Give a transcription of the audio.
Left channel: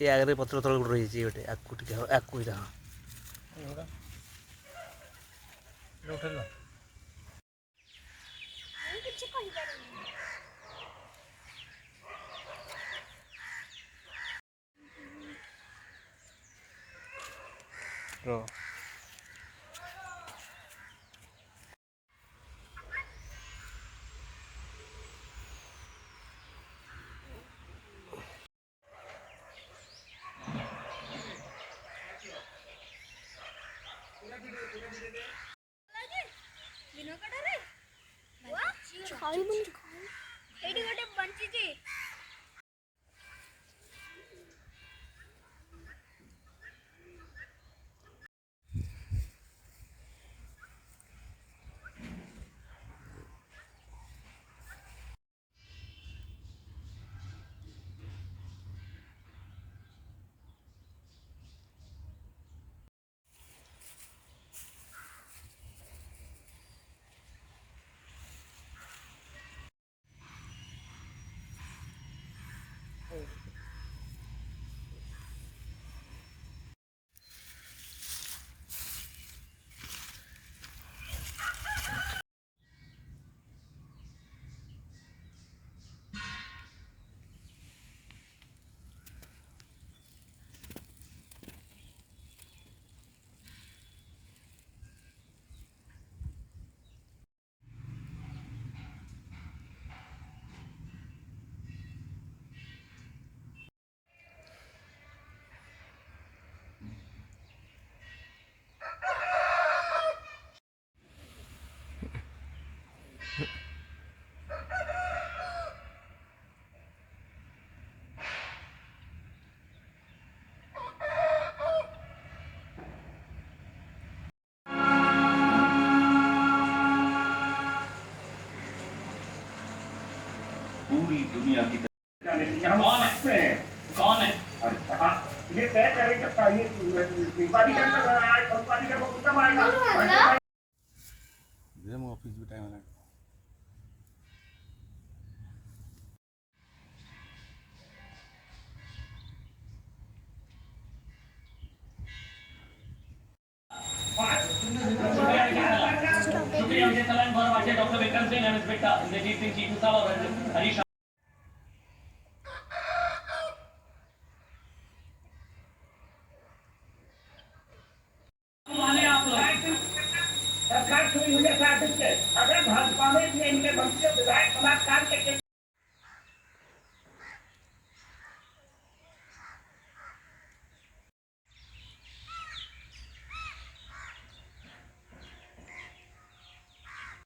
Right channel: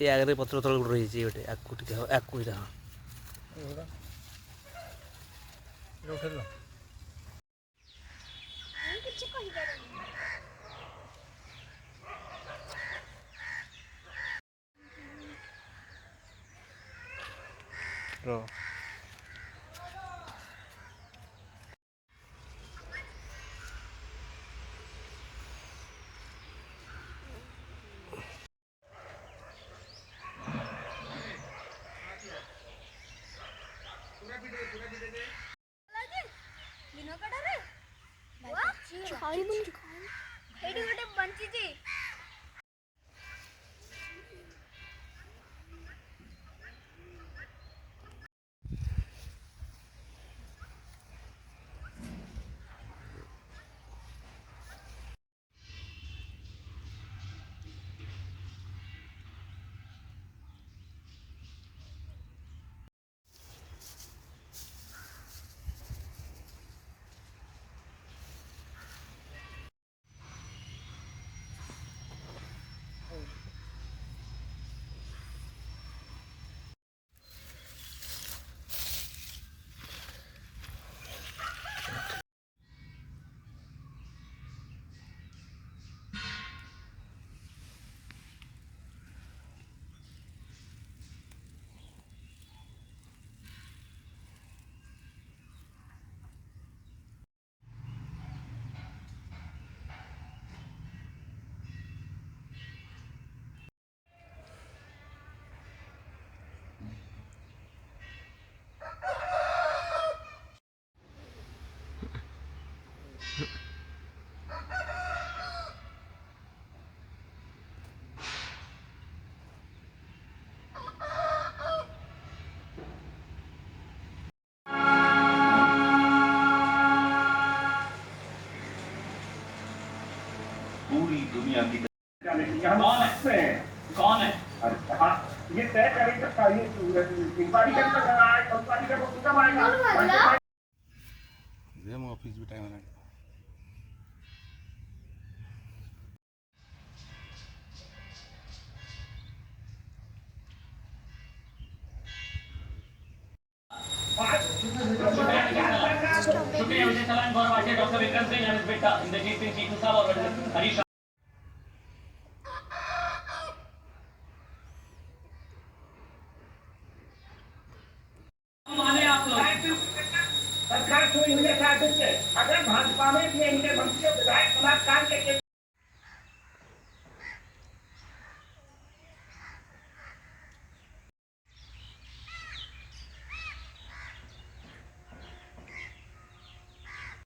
ଏ ଆଗରେ ପତ୍ର ତଳ ଗୋଟେ ରହିଛି ଗୋଟେ ଆକୁ ଟିକେ ଆକୁ ଏଇଟା ହଁ କିଛି କହିପାରୁନି। ର ଏଇଠି ଗୋଟେ ବଞ୍ଚିଛି। पूरी दुनिया की कौन है ये तय करेगा ये इंक्वायरी ऑफिस भी टाइम है शुक्रिया डॉक्टर विक्रम सिंह एंड बेटा इंद्रजीत सिंह चीकू साहब और हरीश